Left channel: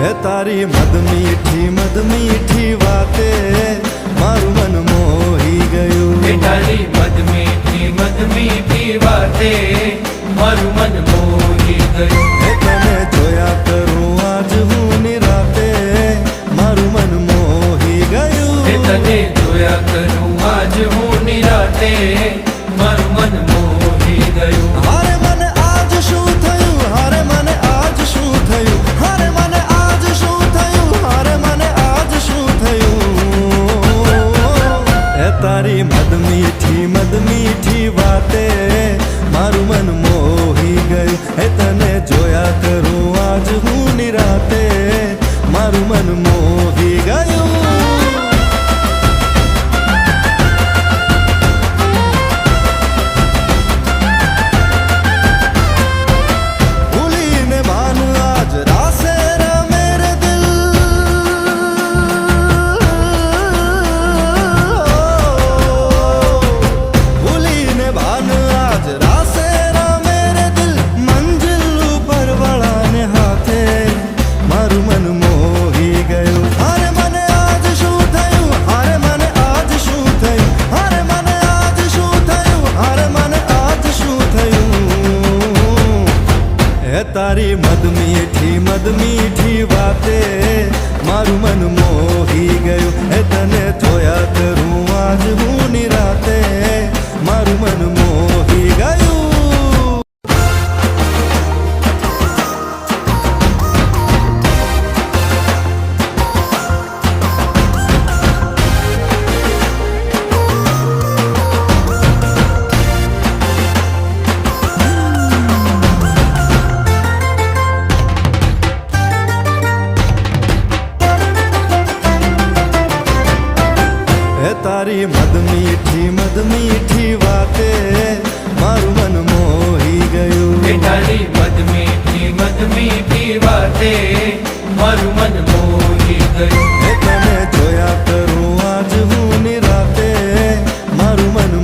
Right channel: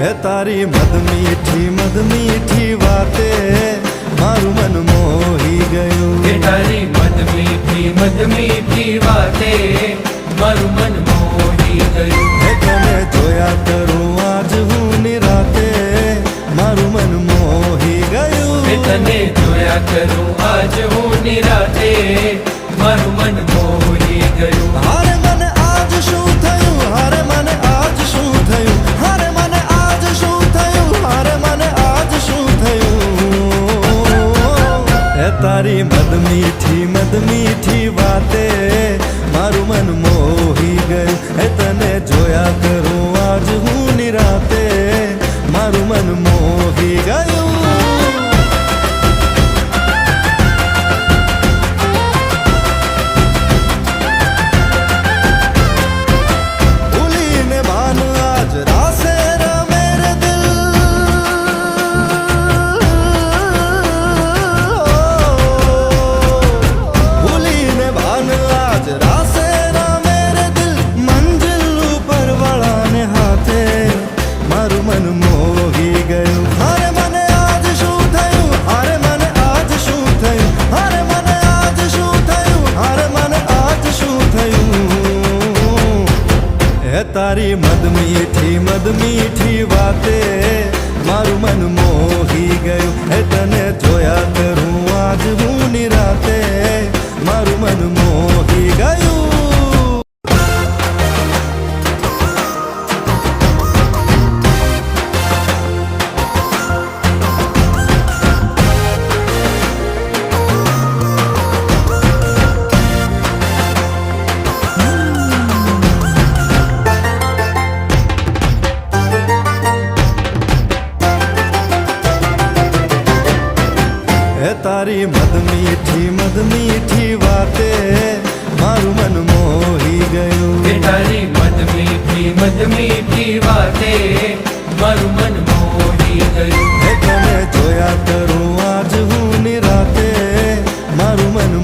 હે તારી મદ મીઠી વાતે મારું મન મોહી ગયું. હે તારી મદ મીઠી વાતે મારું મન મોહી ગયું. હે તને જોયા કરું આજ હું નિરાતે મારું મન મોહી ગયું. હે તને જોયા કરું આજ હું નિરાતે મારું મન મોહી ગયું. હારે મને આજ શું થયું, હારે મને આજ શું થયું, હારે મને આજ શું થયું, હારે મને આજ શું થયું. હે તારી મદ મીઠી વાતે મારું મન મોહી ગયું. હે તને જોયા કરું આજ હું નિરાતે મારું મન મોહી ગયું. आज रासे मेरे दिल भूली ने भान आज रासे मेरे दिल मंजिल ऊपर वाला ने हाथे मारू मन मोही गયું. हारे मने आज शू थયું, हारे मने आज शू थયું, हारे मने आज शू थયું, हारे मने आज शू थયું. હે તારી મદ મીઠી વાતે મારું મન મોહી ગયું. હે તને જોયા કરું આજ હું નિરાતે મારું મન મોહી ગયું. હે તારી મદ મીઠી વાતે મારું મન મોહી ગયું. હે તારી મદ મીઠી વાતે મારું મન મોહી ગયું. હે તને જોયા કરું આજ હું નિરાતે મારું મન